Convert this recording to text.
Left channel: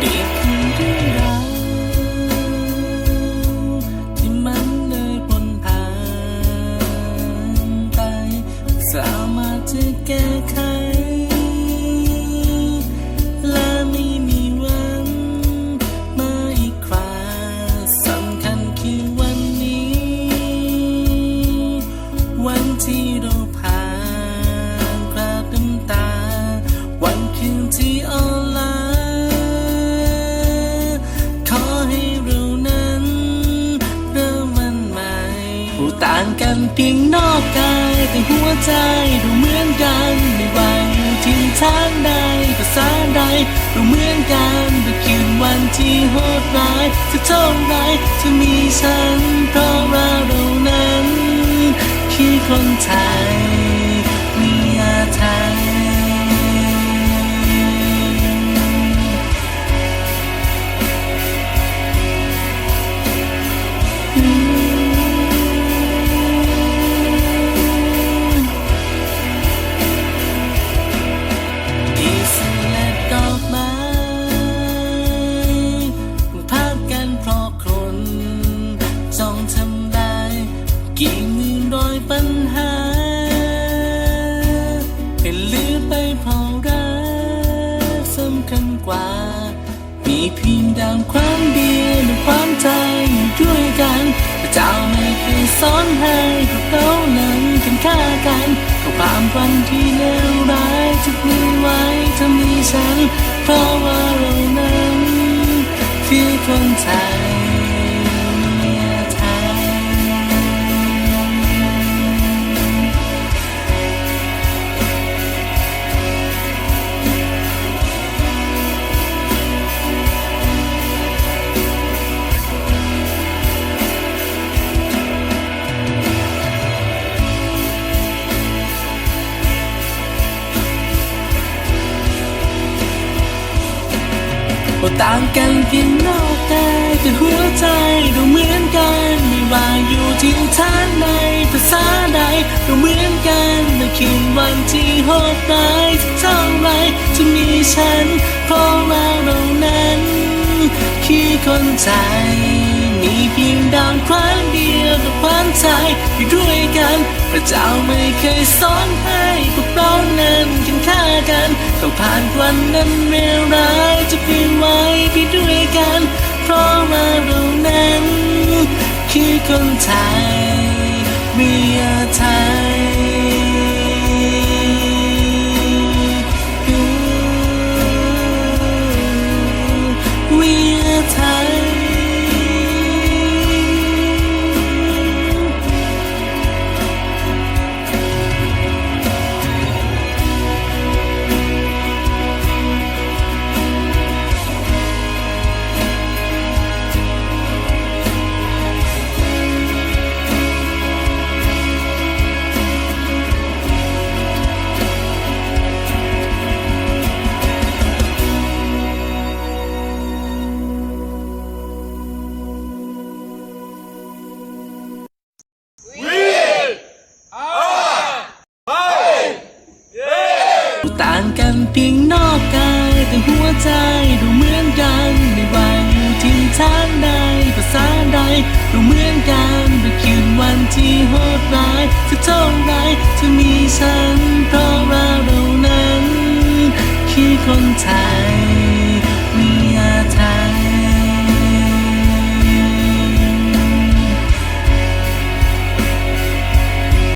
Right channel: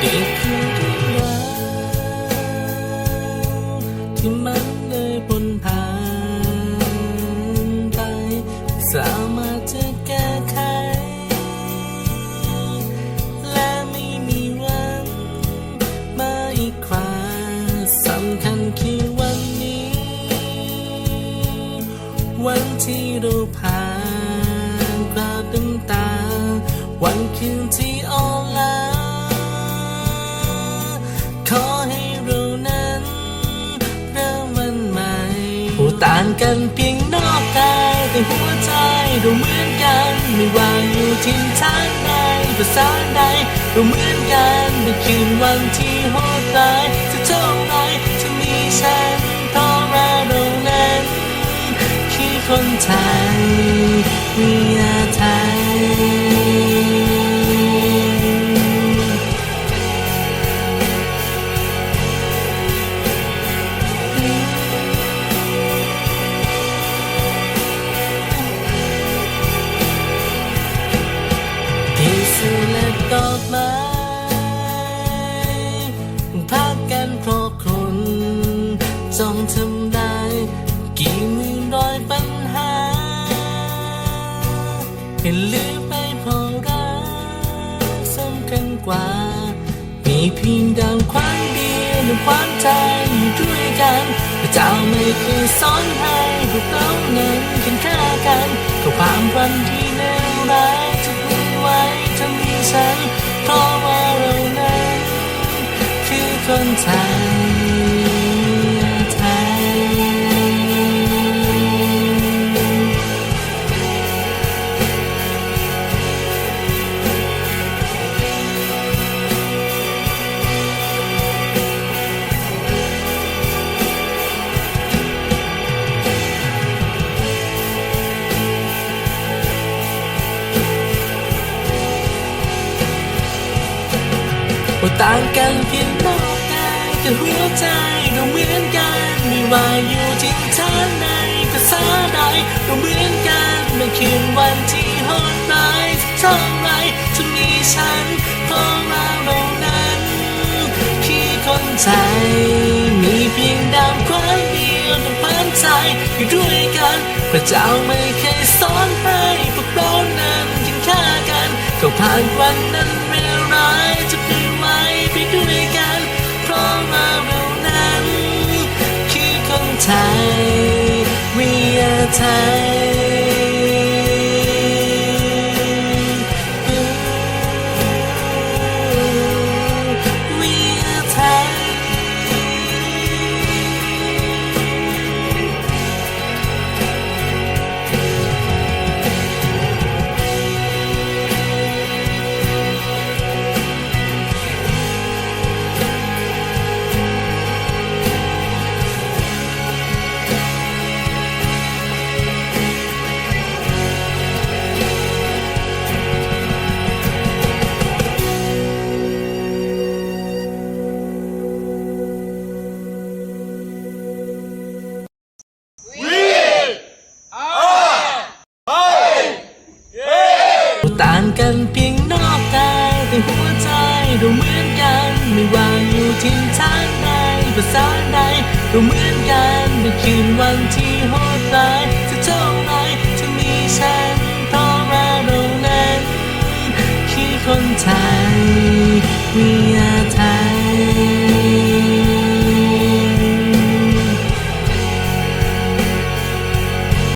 เด็กคือเรื่องราวที่มันเลยบนทางไป สามารถจะแก้ไข และไม่มีวันมาอีกครั้งสำคัญคือวันนี้ วันที่เราผ่านกราบน้ำตา วันคืนที่ออนไล้า ผู้ต่างกันเพียงนอกกายแต่หัวใจเราเหมือนกันไม่ว่าอยู่ทิศทางใดภาษาใดเราเหมือนกันแต่คืนวันที่โหดร้ายจะเท่าไรจะมีฉันเพราะว่าเรานั้นคือคนไทย จ้องทำได้กี่หมื่นร้อยปัญหา เป็นลืมไปเพราะรักสำคัญกว่า มีเพียงดังความเดียวในความใจอยู่ด้วยกันพระเจ้าไม่เคยสอนให้พวกเรานั้นกันฆ่ากันกับความฝันที่เลวร้ายจะมีไว้จะมีฉัน เพราะว่าเรานั้นคือคนไทย ว่าต่างกันเพียงนอกกายแต่หัวใจเราเหมือนกันไม่ว่าอยู่ที่ท่านในภาษาใดเราเหมือนกันในคืนวันที่โหดร้ายสักเท่าไรจะมีฉันเพราะเราเรานั้น คือคนไทยมีเพียงดาวควา ใจอยู่ด้วยกัน พระเจ้าไม่เคยสอนให้พวกเรานั้นกินข้ากันก็ผ่านวันนั้นเร็วร้ายจะไปไว้ไปด้วยกัน เพราะว่าเรานั้น คือคนไทยวิยาไทย ต่างกันเพียงนอกกายแต่หัวใจเราเหมือนกันไม่ว่าอยู่ที่ทางใดภาษาใดเราเหมือนกันในคืนวันที่โหดร้ายจะเท่าไรจะมีฉันเพราะว่าเรานั้นคือคนไทย